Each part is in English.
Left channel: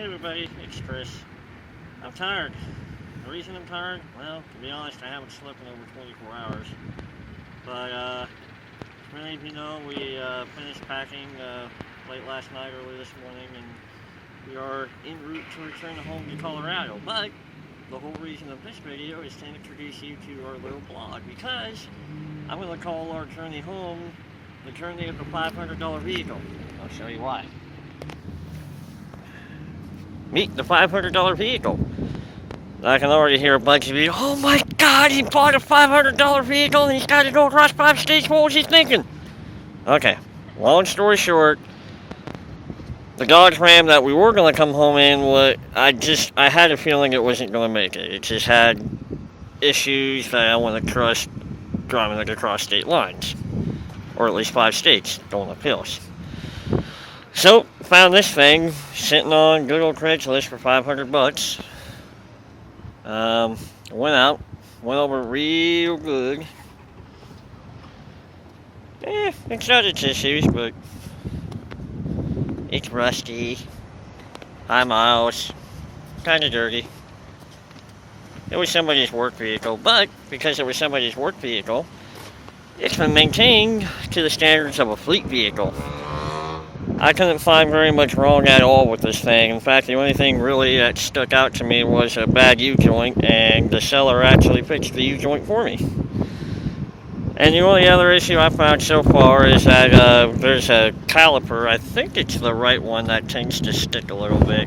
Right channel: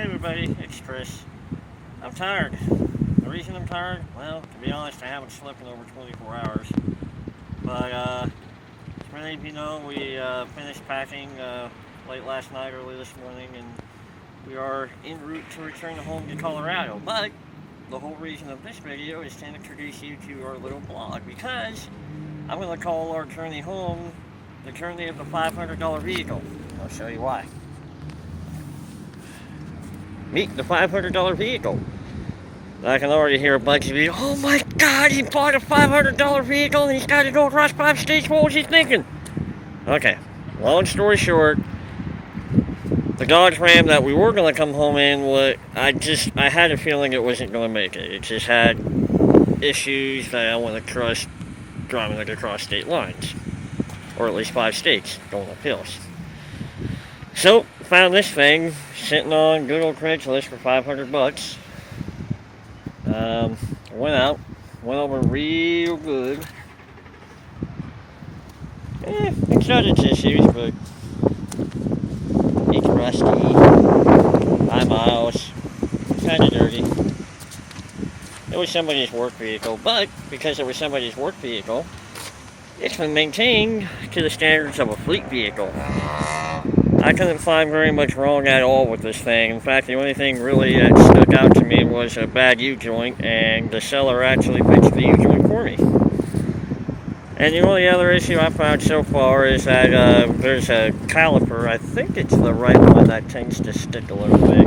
Hey everybody, it's Chris. I'm tired. The reason I'm tired, well, to be honest, I haven't slept in over 24 hours. But, as many of you know, we finished packing late last night, early this morning, and we are en route to return home to Colorado. But the whole reason of this video is to introduce you to our little blog because I'm going to call our journey home the journey of the $500 vehicle. I'll show you why. Meet the $500 vehicle. I can already hear a bunch of you, oh my god, he bought a $500 vehicle and he's got to go across 5 states, what was he thinking? Okay, long story short, the Dodge Ram that we were going to come home in, I had a feeling it wasn't going to make it. It just had issues that I want to trust driving it across state lines. Or at least 5 states, going up hills. So, found this thing sitting on good old Craigslist for $500. Went out, went over real good. It's got its issues, but it's rusty, high miles, kind of dirty. It was somebody's work vehicle, but because it was somebody's work vehicle, it's been maintained to the standards of a fleet vehicle. I couldn't find very much wrong at all with this thing. In fact, the only thing really that stuck out to me was a bad U-joint, and the seller actually fixed the U-joint for me. And the only other issue I found so far is that there's a caliper, I think it's the right one, that tends to stick a little bit.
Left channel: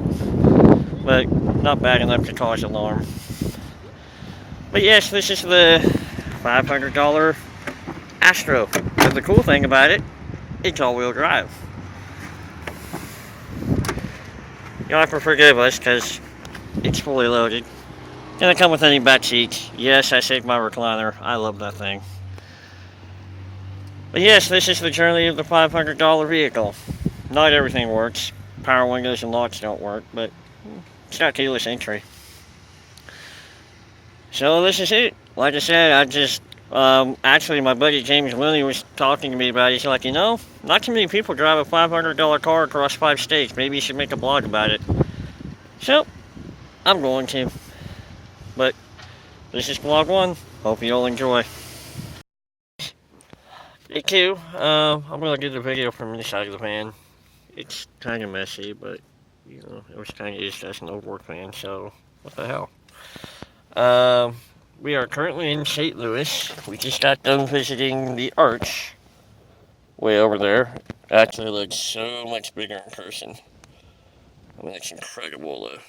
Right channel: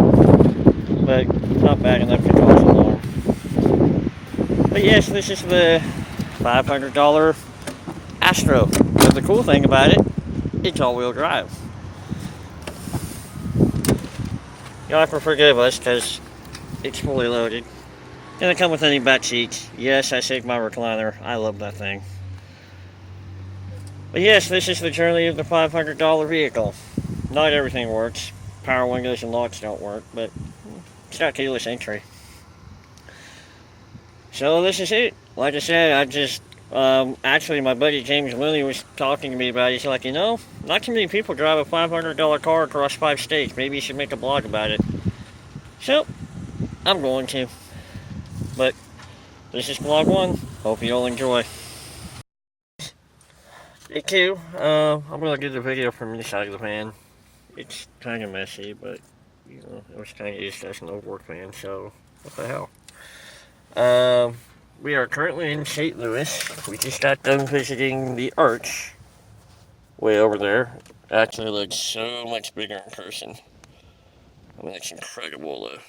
But not bad enough to cause alarm. But yes, this is the $500 Astro. But the cool thing about it, it's all-wheel drive. You'll have to forgive us because it's fully loaded. Gonna come with any back seats. Yes, I saved my recliner. I love that thing. But yes, this is the journey of the $500 vehicle. Not everything works. Power windows and locks don't work, but it's got keyless entry. So this is it. Like I said, actually my buddy James Winnie was talking to me about it. He's like, not too many people drive a $500 car across 5 states. Maybe you should make a blog about it. So, I'm going to. But, this is vlog 1. Hope you all enjoy. Day 2, I'm going to get the video from this side of the van. It's kind of messy, but, it was kind of used as an old work van, so, what the hell. We are currently in St. Louis. We just got done visiting the Arch way over there. Actually looks so much bigger in person. I mean, it's incredible, the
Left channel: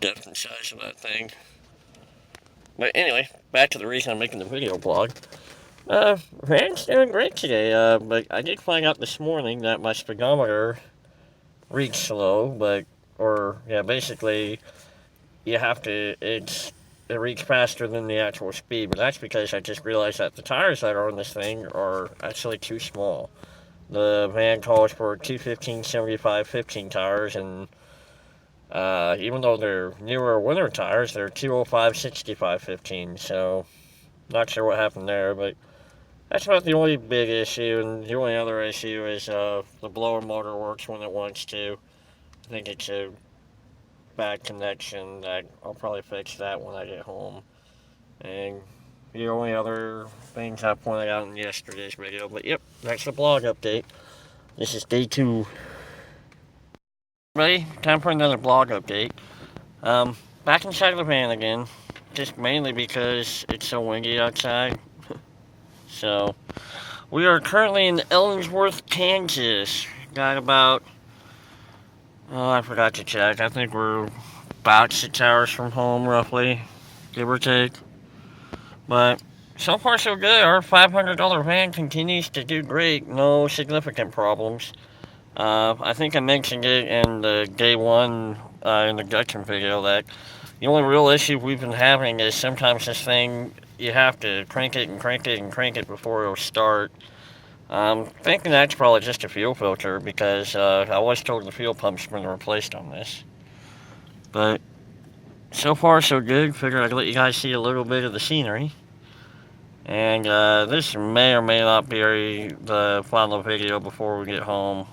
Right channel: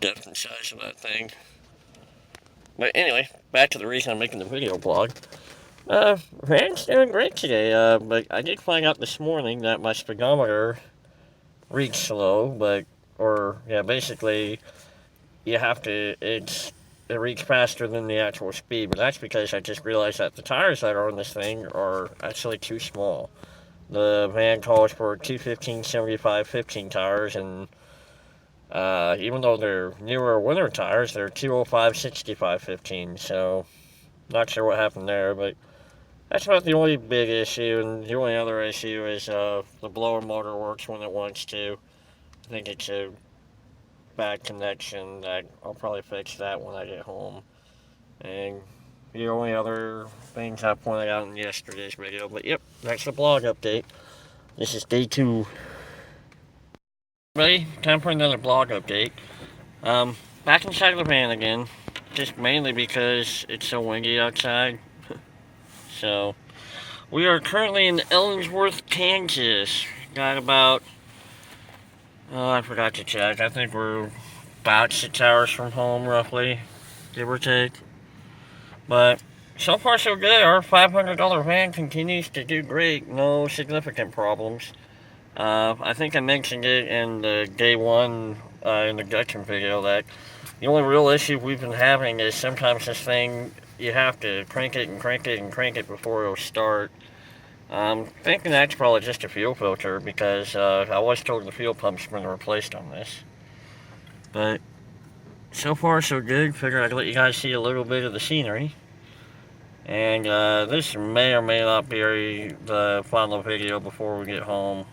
depth and size of that thing. But anyway, back to the reason I'm making the video blog. Van's doing great today, but I did find out this morning that my speedometer reads slow, basically, you have to, it reads faster than the actual speed, but that's because I just realized that the tires that are on this thing are actually too small. The van calls for 215/75/15 tires, and even though they're newer winter tires, they're 205/65/15, so not sure what happened there, but that's about the only big issue, and the only other issue is the blower motor works when it wants to. I think it's a bad connection. I'll probably fix that when I get home. And the only other things I pointed out in yesterday's video, but yep, that's the blog update. This is day 2. Ready? Time for another blog update. Back inside of the van again, just mainly because it's so windy outside. So, we are currently in Ellensworth, Kansas. Got about, I forgot to check. I think we're about 6 hours from home, roughly, give or take. But so far so good. Our $500 van continues to do great. No significant problems. I think I mentioned it in the day 1 in the Dutchman video that the only real issue we've been having is sometimes this thing, you have to crank it and crank it and crank it before it'll start. I'm thinking that's probably just a fuel filter because I was told the fuel pump's been replaced on this. But so far so good. Figured I'd let you guys see a little bit of the scenery. And this may or may not be the final video before we get home.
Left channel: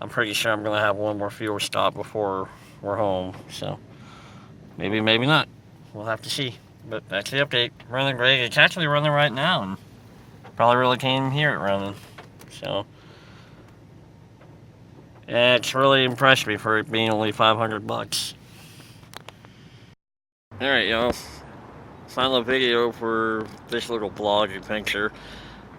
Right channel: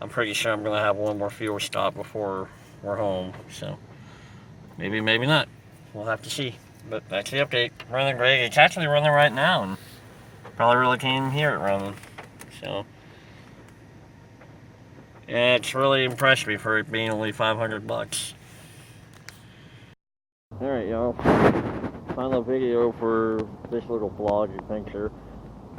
I'm pretty sure I'm going to have one more fuel stop before we're home. So maybe, maybe not. We'll have to see. But that's the update. Running great. It's actually running right now, and probably really can't even hear it running. So yeah, it's really impressed me for it being only $500. Alright, y'all. Final video for this little vlog adventure.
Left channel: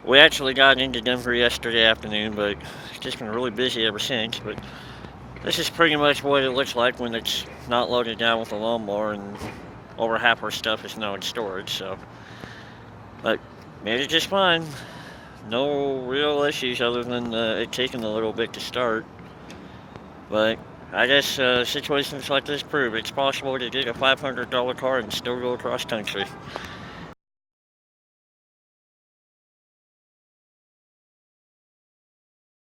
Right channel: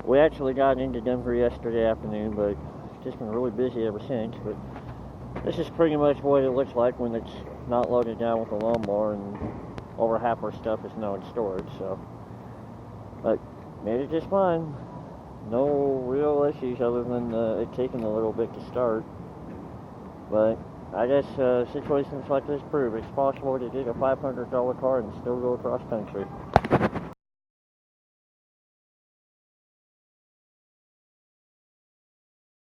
We actually got into Denver yesterday afternoon, but it's just been really busy ever since. But this is pretty much what it looks like when it's not loaded down with a lawnmower and over half our stuff is now in storage. So, but made it just fine. No real issues other than it taking a little bit to start. But I guess situations like this prove it's possible to get a $500 car and still go across country.